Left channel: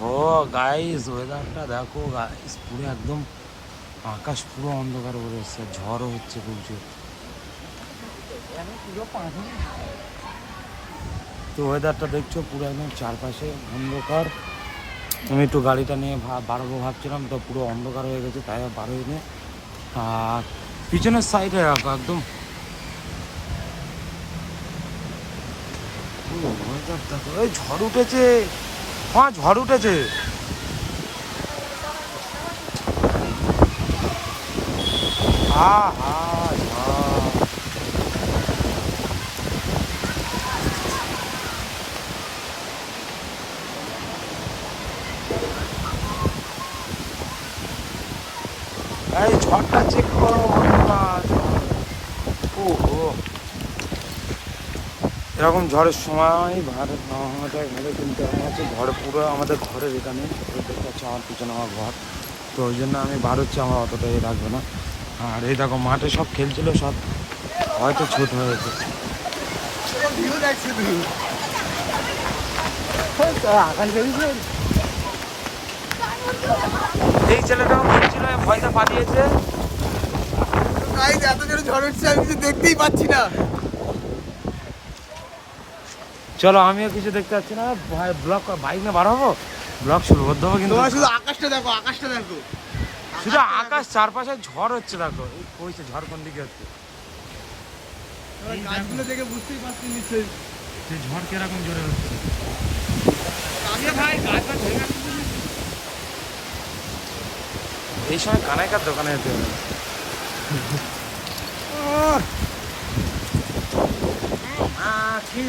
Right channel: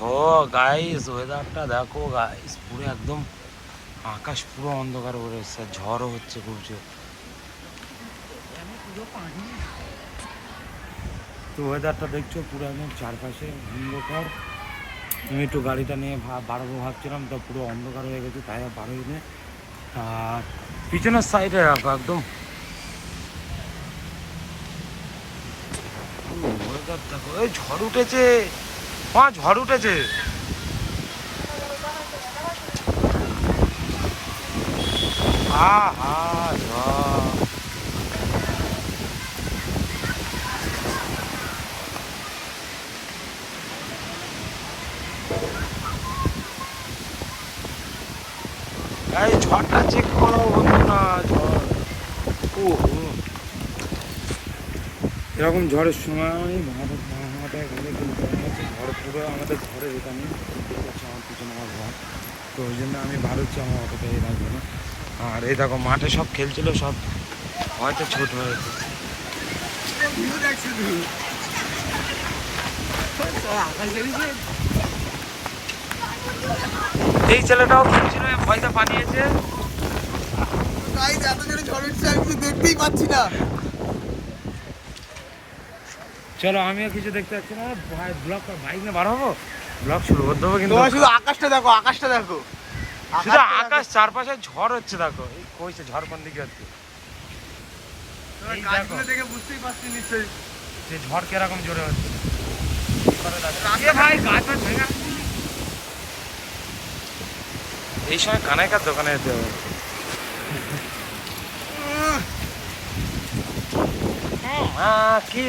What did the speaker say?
ও guys, ওয়েদারটা দেখো guys, পুরো একদম আকাশ পুরো অন্ধকার করে এসছে, ঝড়ও হচ্ছে খুব জোর। তো ওয়েদারটা দেখছো পুরো একদম চারপাশে অন্ধকার। আমি একটু গাড়িটা নিয়ে বাড়াবো ভাবছিলাম, তো পুরো অন্ধকার হয়ে গেছে, তাই আর বাড়োই নি। আর পিছনের সাইডে রাখো একদম ওয়েদার দেখো। এই ঝড় উঠেছে, হ্যাঁ ঝড় উঠেছে। আহা ঝড়। এই ঝড়টা চেক করো না, ঝড়। ওহো, এরকম ঝড়ের সময় ভারত ভাঙাটা ভালো, কিন্তু আমার হচ্ছে ঝড় পুরো আমাদের ঘরের এখানে দেখতে পাচ্ছি, আমার পিছনে আমার ঘর। তো ওই জন্য আমি বার হচ্ছে, আমার অতটা ইয়ে রাখবো না। আর এই দেখো মাঠে সব খেলছিল, সব হয়তো ছুট হয়েছে। এই ছেলেটাও খেলছিল, ভয়টা পালিয়েছে। এত জোরে ঝড় উঠছে, আমি কিছু দেখতেই পাচ্ছি না। চলো, আমিও কিছু দেখতে পাচ্ছি না। ব্লক বাইক নিয়ে বার হবো, ব্লক শুরু করতে হবে। কিন্তু শুধু আকাশটা দেখো, আকাশটা দেখো, শুধু আকাশ, চারপাশে ঝড় হচ্ছে দেখো। এই কইছে ঝড় কোন দিকে হচ্ছে, গাছগুলো দেখে বুঝতেই পারছি নিশ্চয়ই যে ঝড় কিরকম জোরে হচ্ছে। ভাই এই সময় কানাইকার দোকানে যেতে হবে। কি